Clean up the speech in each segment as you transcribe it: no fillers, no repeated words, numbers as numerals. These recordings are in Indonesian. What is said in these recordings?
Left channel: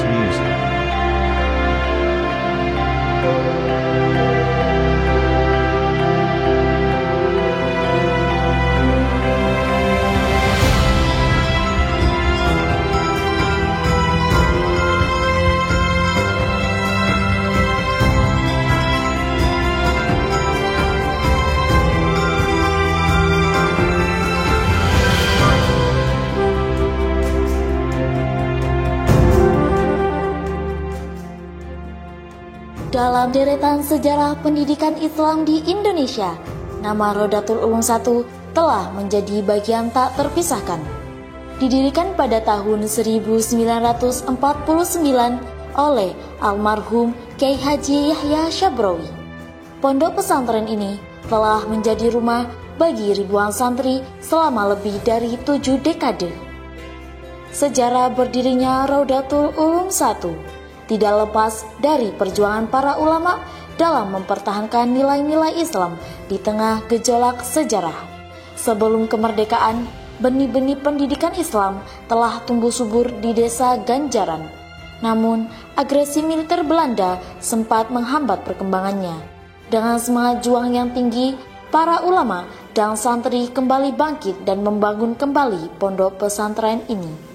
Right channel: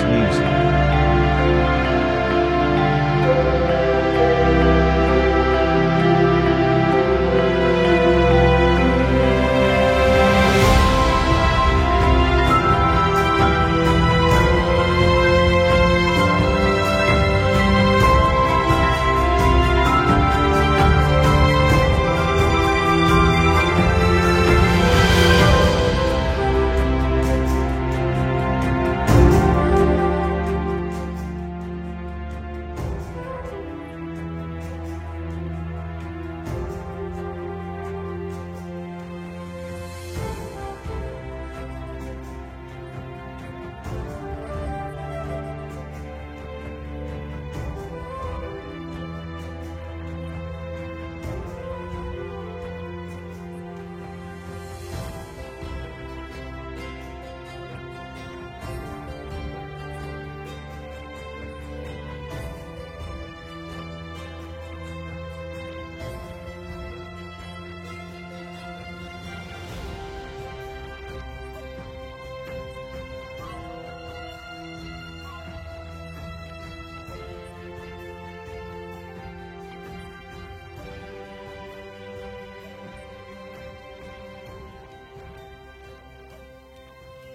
nice music. Dalam deretan sejarah pendidikan Islam di Indonesia, nama Rodatul Ulum I telah menjadi bagian tak terpisahkan. Didirikan pada tahun 1949 oleh almarhum Kyai Haji Yahya Syabrawi. Pondok pesantren ini telah menjadi rumah bagi ribuan santri selama lebih dari 7 dekade. Sejarah berdirinya Rodatul Ulum I tidak lepas dari perjuangan para ulama dalam mempertahankan nilai-nilai Islam di tengah gejolak sejarah. Sebelum kemerdekaan, benih-benih pendidikan Islam telah tumbuh subur di desa Ganjaran. Namun, agresi militer Belanda sempat menghambat perkembangannya. Dengan semangat juang yang tinggi, para ulama dan santri kembali bangkit dan membangun kembali pondok pesantren ini.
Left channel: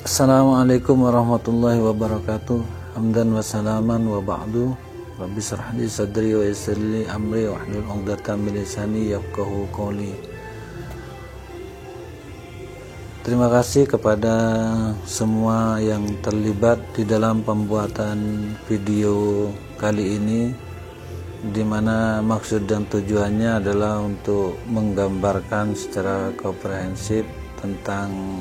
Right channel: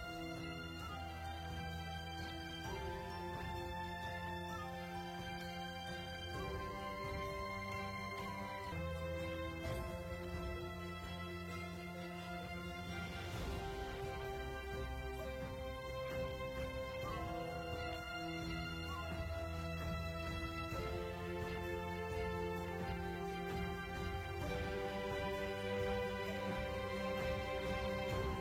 Assalamualaikum warahmatullahi wabarakatuh. Hamdan wa salaman wa ba'du. Rabbi shrah li sadri wa yassir li amri wahlul 'uqdatam min lisani yafqahu qawli. Terima kasih kepada semua yang terlibat di dalam pembuatan video kali ini, di mana maksud dan tujuannya adalah untuk menggambarkan secara komprehensif tentang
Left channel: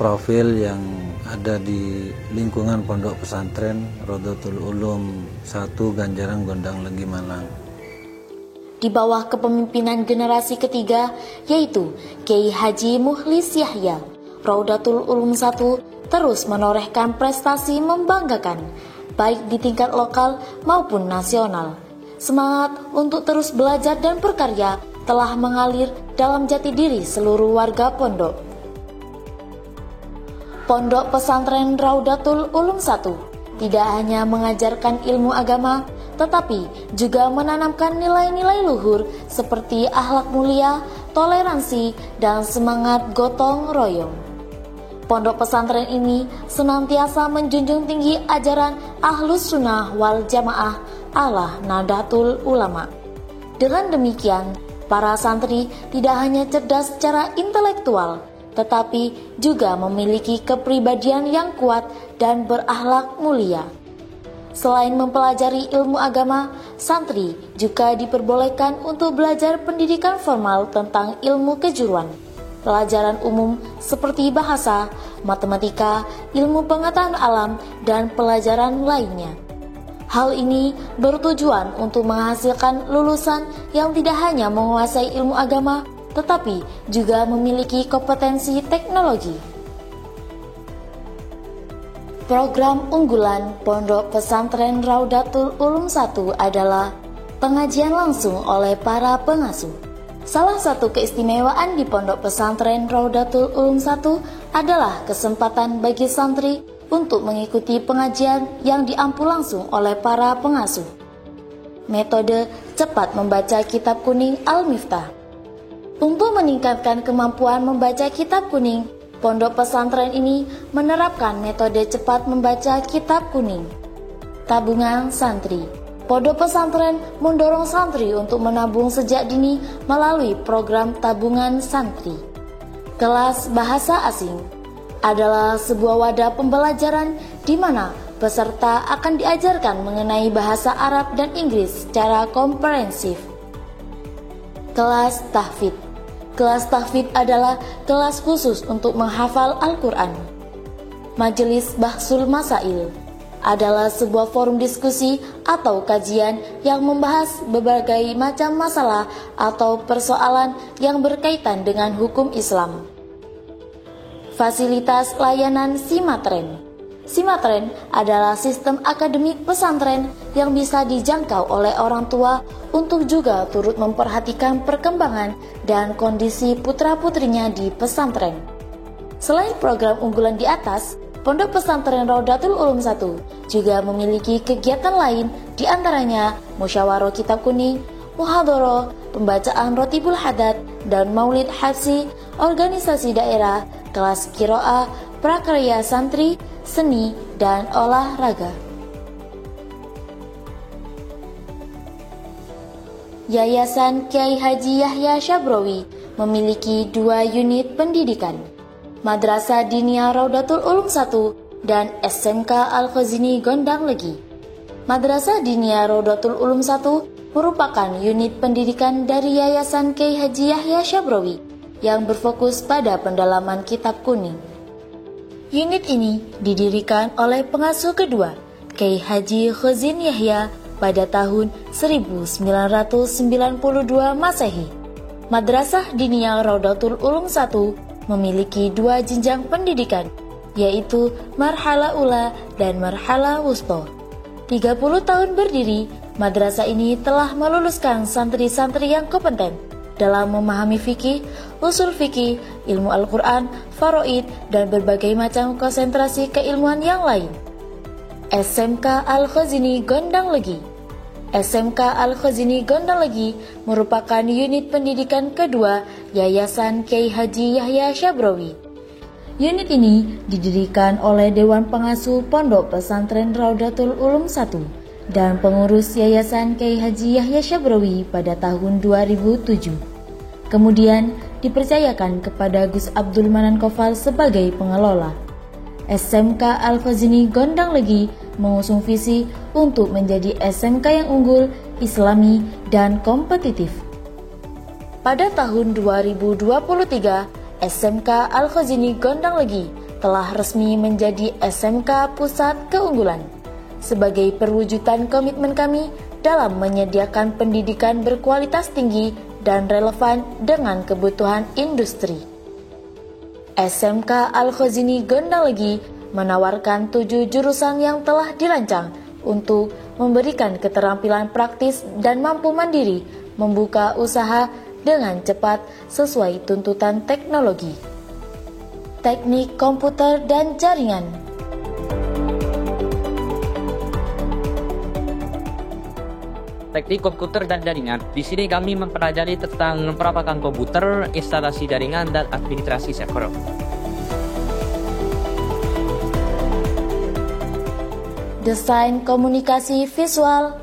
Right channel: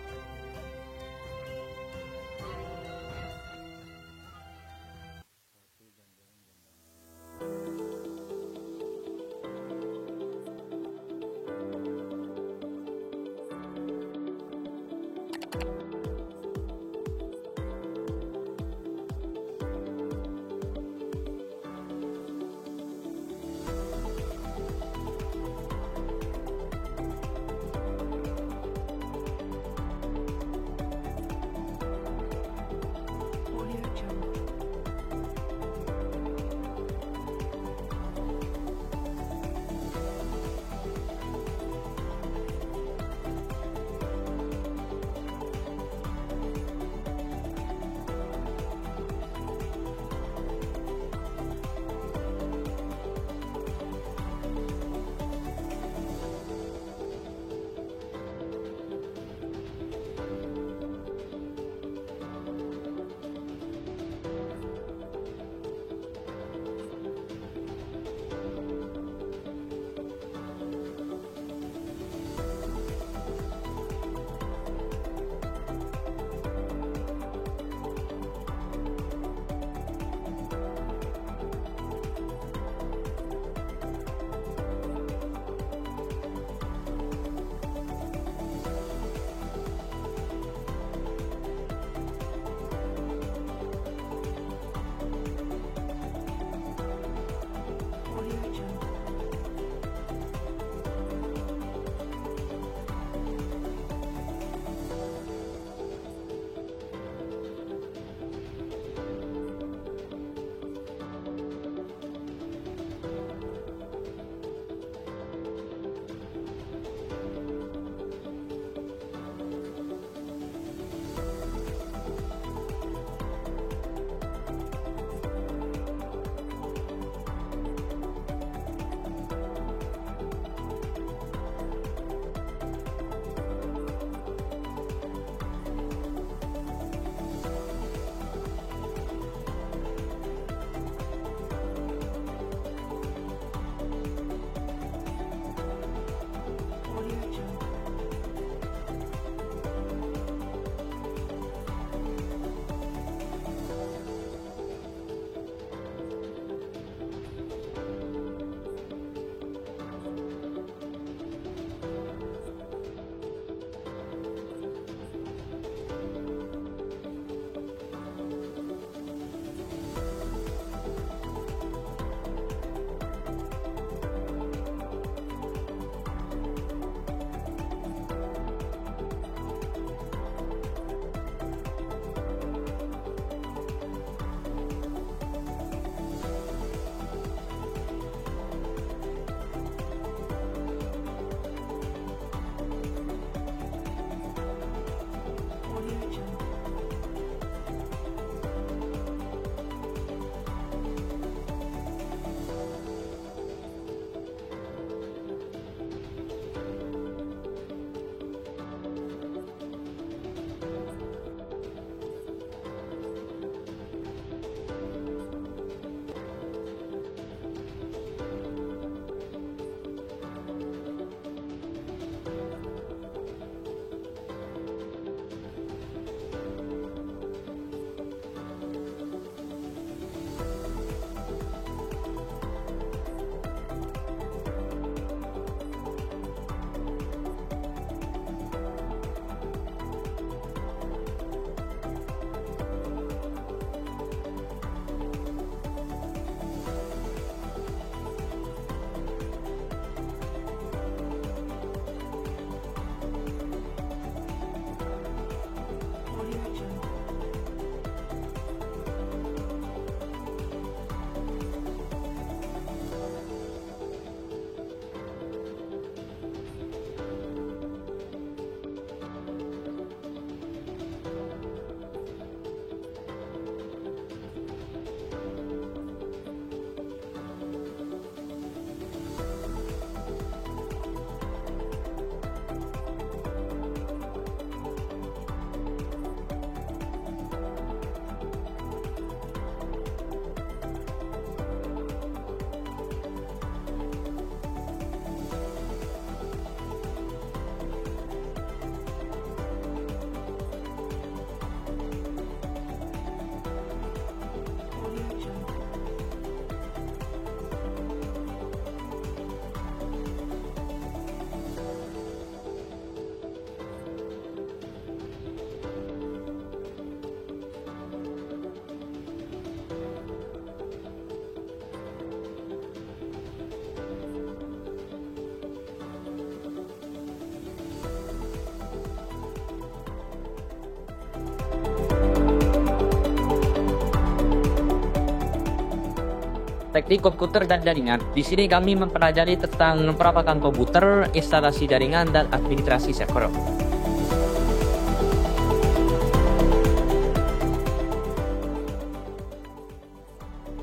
profil yang ada di lingkungan pondok pesantren Rodatul Ulum I Ganjaran Gondang Legi Malang. Di bawah kepemimpinan generasi ketiga, yaitu Kyai Haji Mukhlis Yahya, Rodatul Ulum I terus menorehkan prestasi membanggakan, baik di tingkat lokal maupun nasional. Semangat untuk terus belajar dan berkarya telah mengalir dalam jati diri seluruh warga pondok. Pondok pesantren Rodatul Ulum I tidak hanya mengajarkan ilmu agama, tetapi juga menanamkan nilai-nilai luhur seperti akhlak mulia, toleransi, dan semangat gotong royong. Pondok pesantren ini senantiasa menjunjung tinggi ajaran Ahlus Sunnah wal Jamaah ala Nahdlatul Ulama. Dengan demikian, para santri tidak hanya cerdas secara intelektual, tetapi juga memiliki kepribadian yang kuat dan berakhlak mulia. Selain mempelajari ilmu agama, santri juga diperbolehkan untuk belajar pendidikan formal tentang ilmu kejuruan, pelajaran umum seperti bahasa, matematika, ilmu pengetahuan alam, dan pelajaran lainnya. Hal ini bertujuan untuk menghasilkan lulusan yang tidak hanya menguasai ilmu agama, tetapi juga memiliki kompetensi teknologi. Program unggulan Pondok Pesantren Rodatul Ulum I adalah pengajian langsung oleh para pengasuh. Salah satu keistimewaan di Pondok Pesantren Rodatul Ulum I adalah kesempatan bagi santri untuk mengikuti pengajian yang diampu langsung oleh para pengasuh. Metode cepat membaca kitab kuning Al-Miftah. Untuk meningkatkan kemampuan membaca kitab kuning, pondok pesantren ini menerapkan metode cepat membaca kitab kuning. Tabungan santri. Pondok pesantren mendorong santri untuk menabung sejak dini melalui program tabungan santri. Kelas bahasa asing adalah sebuah wadah pembelajaran di mana peserta akan diajarkan mengenai bahasa Arab dan Inggris secara komprehensif. Kelas tahfidz. Kelas tahfidz adalah kelas khusus untuk menghafal Al-Quran. Majelis Bahsul Masail adalah sebuah forum diskusi atau kajian yang membahas berbagai macam masalah atau persoalan yang berkaitan dengan hukum Islam. Fasilitas layanan Simatren. Simatren adalah sistem akademik pesantren yang bisa dijangkau oleh orang tua untuk juga turut memperhatikan perkembangan dan kondisi putra-putrinya di pesantren. Selain program unggulan di atas, Pondok Pesantren Raudatul Ulum 1 juga memiliki kegiatan lain, di antaranya musyawarah kitab kuning, muhadharah, pembacaan rotibul hadat, dan maulid habsi, organisasi daerah, kelas qiraah, prakarya santri, seni, dan olahraga. Yayasan Kiai Haji Yahya Syabrowi memiliki 2 unit pendidikan, Madrasah Diniyah Raudatul Ulum 1 dan SMK Al-Khazini Gondang Legi. Madrasah Diniyah Raudatul Ulum 1 merupakan unit pendidikan dari Yayasan Kiai Haji Yahya Syabrowi yang berfokus pada pendalaman kitab kuning. Unit ini didirikan oleh pengasuh kedua, Kiai Haji Khazin Yahya, pada tahun 1992 Masehi. Madrasah Diniyah Raudatul Ulum 1 memiliki 2 jenjang pendidikan, yaitu Marhala Ula dan Marhala Wusta. 30 tahun berdiri, madrasah ini telah meluluskan santri-santri yang kompeten dalam memahami fikih, usul fikih, ilmu Al-Quran, faraid, dan berbagai macam konsentrasi keilmuan yang lain. SMK Al-Khazini Gondang Legi. SMK Al-Khazini Gondang Legi merupakan unit pendidikan kedua Yayasan Kiai Haji Yahya Syabrowi. Unit ini didirikan oleh Dewan Pengasuh Pondok Pesantren Raudatul Ulum 1 dan pengurus Yayasan Kiai Haji Yahya Syabrowi pada tahun 2007. Kemudian dipercayakan kepada Gus Abdul Manan Kofal sebagai pengelola. SMK Al-Khazini Gondang Legi mengusung visi untuk menjadi SMK yang unggul, islami, dan kompetitif. Pada tahun 2023, SMK Al-Khazini Gondang Legi telah resmi menjadi SMK Pusat Keunggulan sebagai perwujudan komitmen kami dalam menyediakan pendidikan berkualitas tinggi dan relevan dengan kebutuhan industri. SMK Al-Khazini Gondang Legi menawarkan 7 jurusan yang telah dirancang untuk memberikan keterampilan praktis dan mampu mandiri membuka usaha dengan cepat sesuai tuntutan teknologi. Teknik komputer dan jaringan. Teknik komputer dan jaringan. Di sini kami mempelajari tentang perapakan komputer, instalasi jaringan, dan administrasi server. Desain komunikasi visual.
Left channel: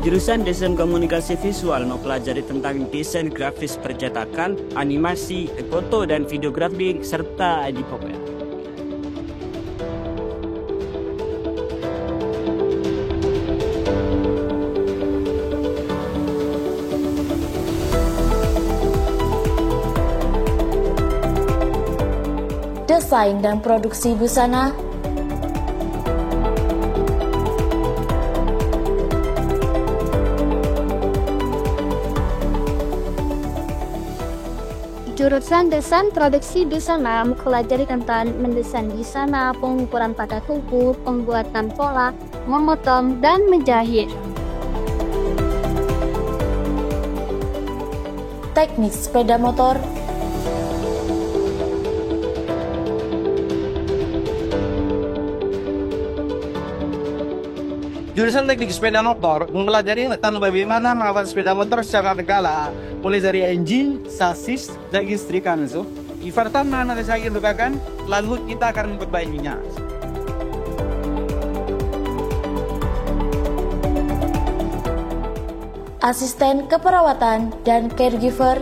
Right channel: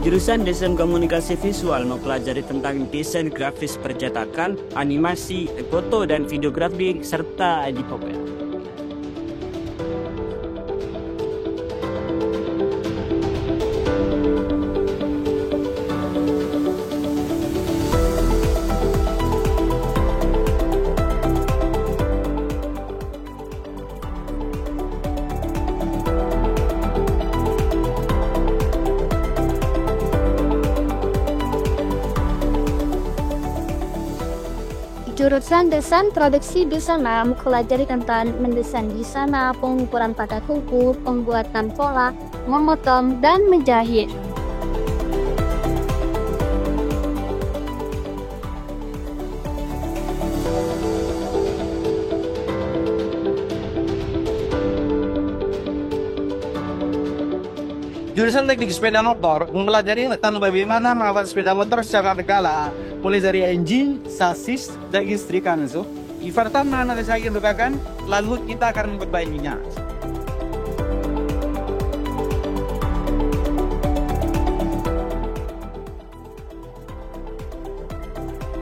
Jurusan Desain Komunikasi Visual mempelajari tentang desain grafis percetakan, animasi, foto dan videografi, serta editing. Desain dan produksi busana. Jurusan Desain Produksi Busana mempelajari tentang mendesain busana, pengukuran pada kuku, pembuatan pola, memotong, dan menjahit. Teknik sepeda motor. Jurusan teknik sepeda motor mempelajari tentang bagaimana merawat sepeda motor secara berkala, mulai dari engine, sasis, dan listrikan. Pertama nanti saya bukakan, lalu kita akan memperbaikinya. Asisten keperawatan dan caregiver.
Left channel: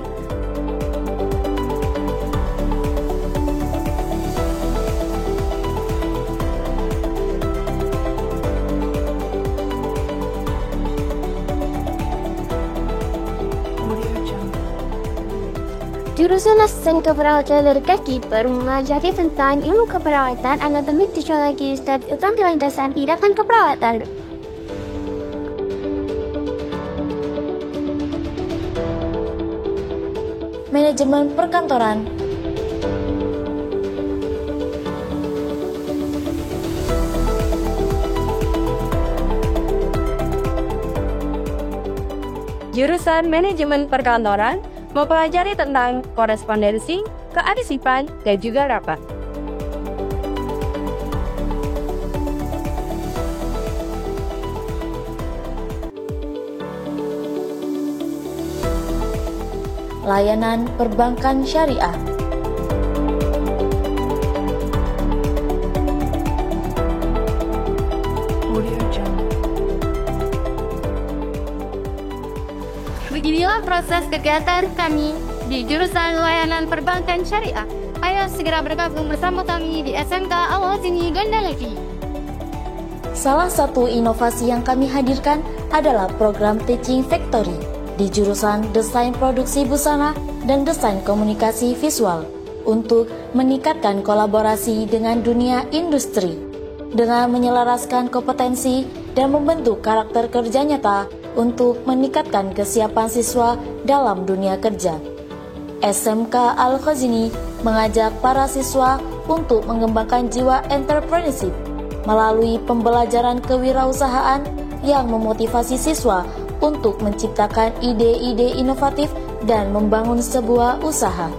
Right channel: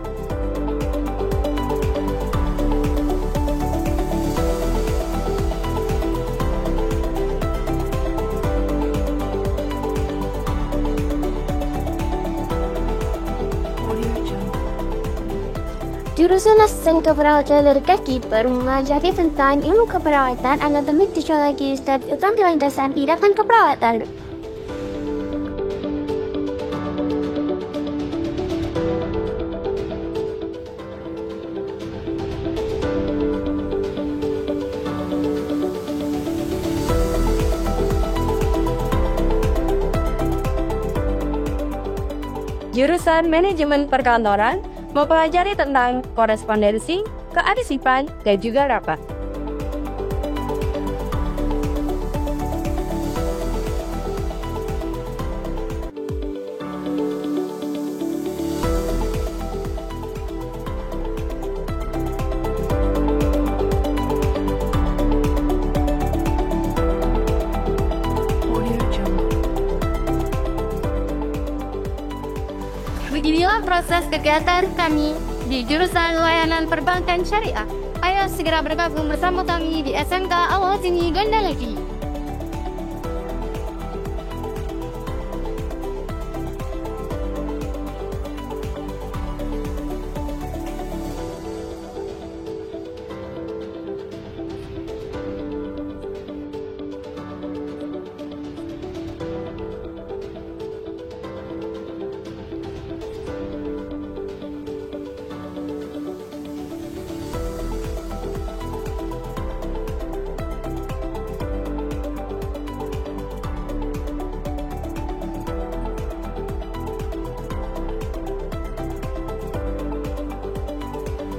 Jurusan Asisten Keperawatan dari Caregiver mempelajari tentang ilmu keperawatan, anatomi, fisiologis, dan keterampilan dasar tindakan keperawatan. Manajemen perkantoran. jurusan Manajemen Perkantoran mempelajari tentang korespondensi, kearsipan, dan juga rapat. Layanan perbankan syariah. Beginilah proses kegiatan kami di jurusan layanan perbankan syariah. Ayo segera bergabung bersama kami di SMK Al-Ghazini Gondalaki. Salah satu inovasi yang kami hadirkan adalah program Teaching Factory di jurusan Desain Produksi Busana dan Desain Komunikasi Visual untuk meningkatkan kolaborasi dengan dunia industri dengan menyelaraskan kompetensi dan membentuk karakter kerja nyata untuk meningkatkan kesiapan siswa dalam dunia kerja. SMK Al-Ghazini mengajak para siswa untuk mengembangkan jiwa entrepreneurship melalui pembelajaran kewirausahaan yang memotivasi siswa untuk menciptakan ide-ide inovatif dan membangun sebuah usaha.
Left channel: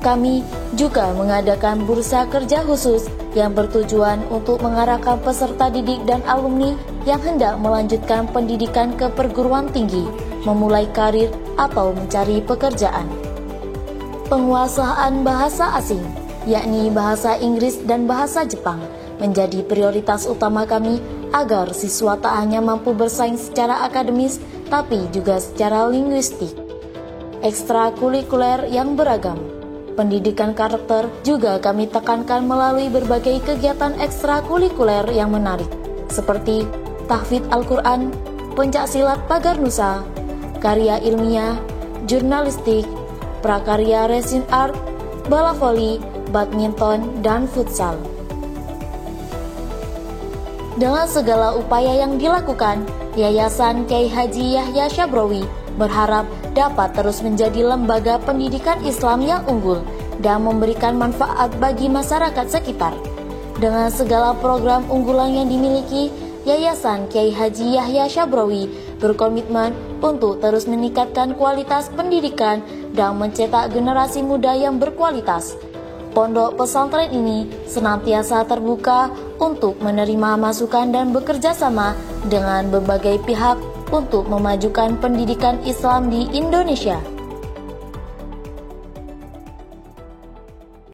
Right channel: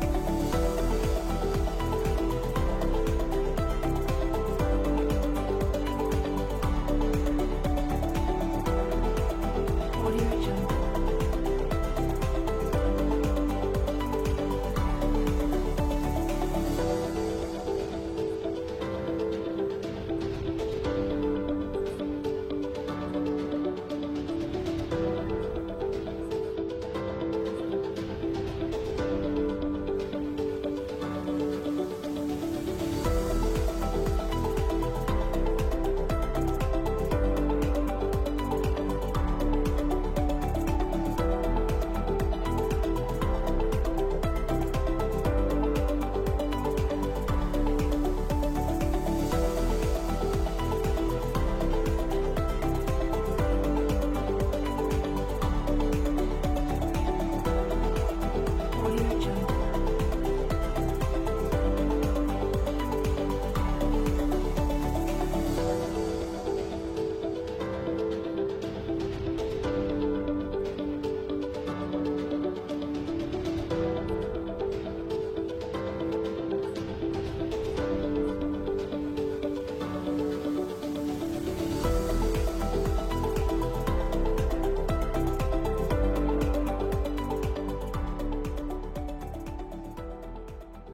Kami juga mengadakan bursa kerja khusus yang bertujuan untuk mengarahkan peserta didik dan alumni yang hendak melanjutkan pendidikan ke perguruan tinggi, memulai karir atau mencari pekerjaan. Penguasaan bahasa asing, yakni bahasa Inggris dan bahasa Jepang, menjadi prioritas utama kami agar siswa tak hanya mampu bersaing secara akademis, tapi juga secara linguistik. Ekstrakurikuler yang beragam. Pendidikan karakter juga kami tekankan melalui berbagai kegiatan ekstrakurikuler yang menarik, seperti tahfidz Al-Quran, pencaksilat pagar nusa, karya ilmiah, jurnalistik, prakarya resin art, bola voli, badminton, dan futsal. Dengan segala upaya yang dilakukan, Yayasan Kiai Haji Yahya Syabrowi berharap dapat terus menjadi lembaga pendidikan Islam yang unggul dan memberikan manfaat bagi masyarakat sekitar. Dengan segala program unggulan yang dimiliki, Yayasan Kiai Haji Yahya Syabrowi berkomitmen untuk terus meningkatkan kualitas pendidikan dan mencetak generasi muda yang berkualitas. Pondok pesantren ini senantiasa terbuka untuk menerima masukan dan bekerja sama dengan berbagai pihak untuk memajukan pendidikan Islam di Indonesia.